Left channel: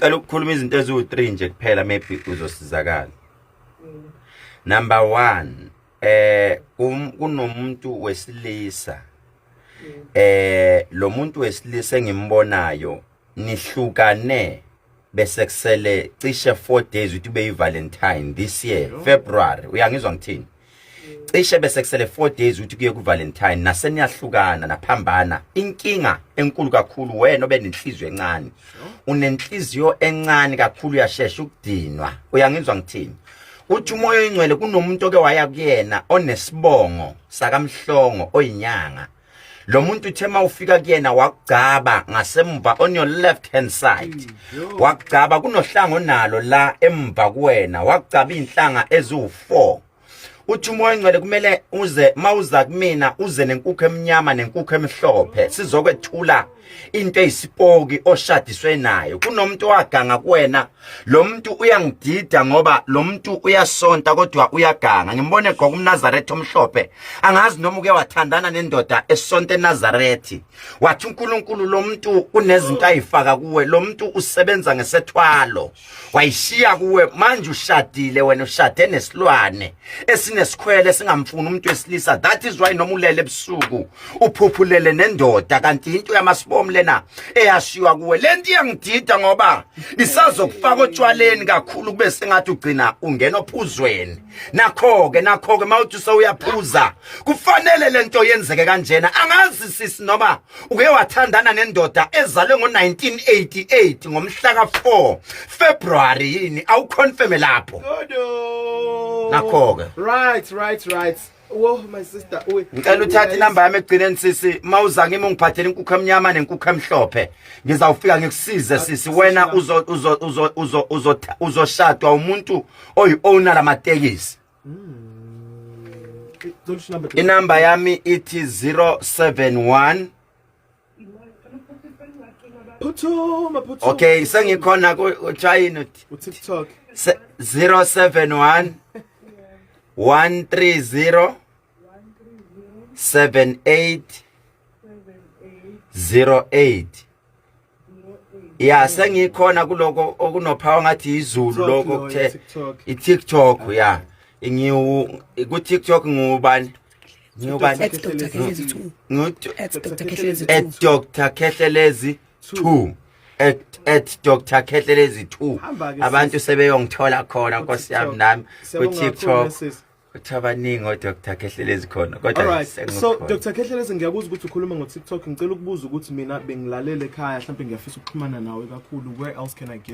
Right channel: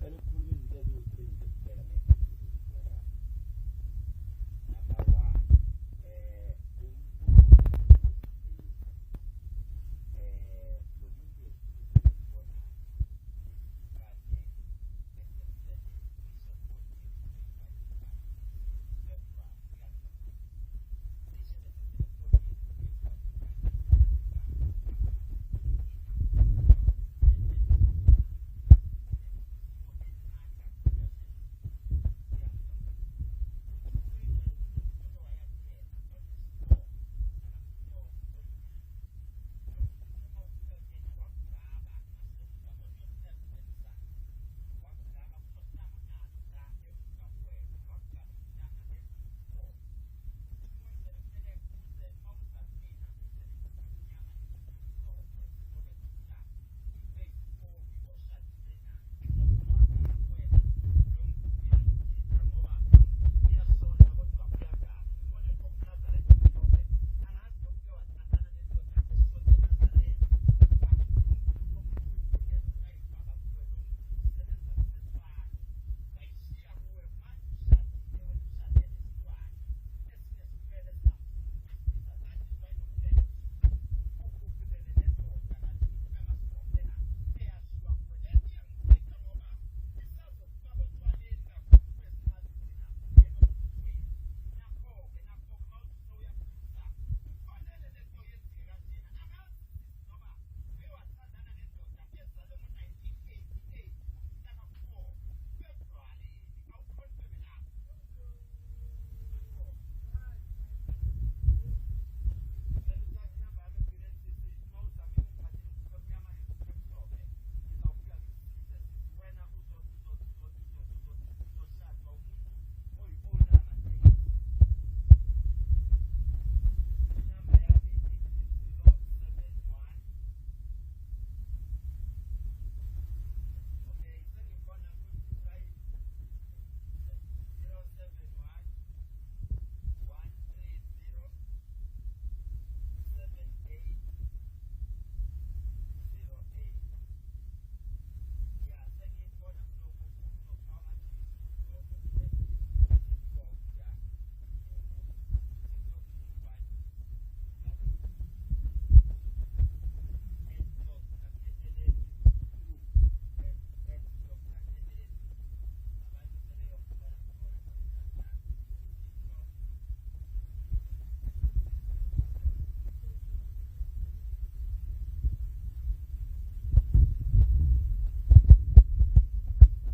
Cela ukukhuluma izinto eziwu3 nje kuphela maybe uzosizakala. Number 1, kunomuntu wesilisa. Lo muntu wesilisa engimbonayo nihlukane bese kusele cishe 4 days ukuthi ube Valentine this year, February. Uyangizwa ngithini? Cishe bese kusele 4 days ukuthi kuye ku Valentine naseniyahlukana naphambana. Inkinga enkulu kakhulu wena obenenhliziyo encane. Unenhliziyo encane kakhulu uyashesha ukudinwa. Uyangizwa ngithini? Uthi umoya oyingcwele kunomuntu oke waya kuyena onesibongo sakamhlongo oyinyanga. Lo muntu uthema ufika kuyena wakugcaba ngasemva on your left hand side. Wakugcaba kunohlanga onalo la emva kuwena. Wakugcaba inhlanga ezu4. Uthi umoya oyingcwele kumele uze mawuza kumina uze nenkukhu emnyama nenkukhu emhlophe sizokwethula into eyisipoki oshadiswe nayo. Kunomuntu waganga kuwena. Lo muntu uyangidida ngoba lo muntu uyasonta kodwa uyaganga. Ngimbone gqoka umNazaretha omhlophe. Angazi noma uke wathandana nendoda esonta eNazarethi. Wathi uNkulunkulu lo muntu kunezinto ayifaka kuwe. Lo muntu usebenza ngesethwalo. Wayishiya kuwe manje ushadile wena ushade nesilwane esinesikhwele singamfuni umuntu wesilisa. That is why noma ulele ebusuku uphuphulele nendoda kanti into yamasibomu lena eyashiwa kuwe. Lento iyangidida ngoba isazokufaka otshwaleni kakhulu kube sengathi ugcina ungena ophuzweni. Nakho-ke mawuthi sewuyaphuza kufanele lento yenzeke kanjena. Angazi sisi noma uke wathandana nendoda ezalwe ngo1988 ngomhla ka4 February yini awuconfirm lapho. Nakho-ke Right. Oh my sister. Ngicela uthathe inamba yami egcineni sisi mawuza ngimi ungiphathele inkukhu emnyama nenkukhu emhlophe. Ngizawufika ngikusize sisi wena uzoshadwa umuntu oyi-owner lamatekisi. Inamba yami ithi 071. Okay, sengikhona ku China TikTok 071 130 7808. Yeah, sengikhona kuloko okunophawu ngathi izulu lokho kuthe iTikTok yeah. Ku TikTok ngubani? Dr. Khehlelezi 2 at Dr. Khehlelezi 2. Abantu sebeyongithola khona Nkosi yami nami ku TikTok. Uthabaningi Dr. Khehlelezi khona kodwa so Dr. Khehlelezi ngiyakuza ukuthi ukhuluma ngo TikTok. Ngicela ukubuza ukuthi mina bengilalele ekhaya mhlawumbe ngiyafisa ukuxhumana nawe kakhulu. Where else can I get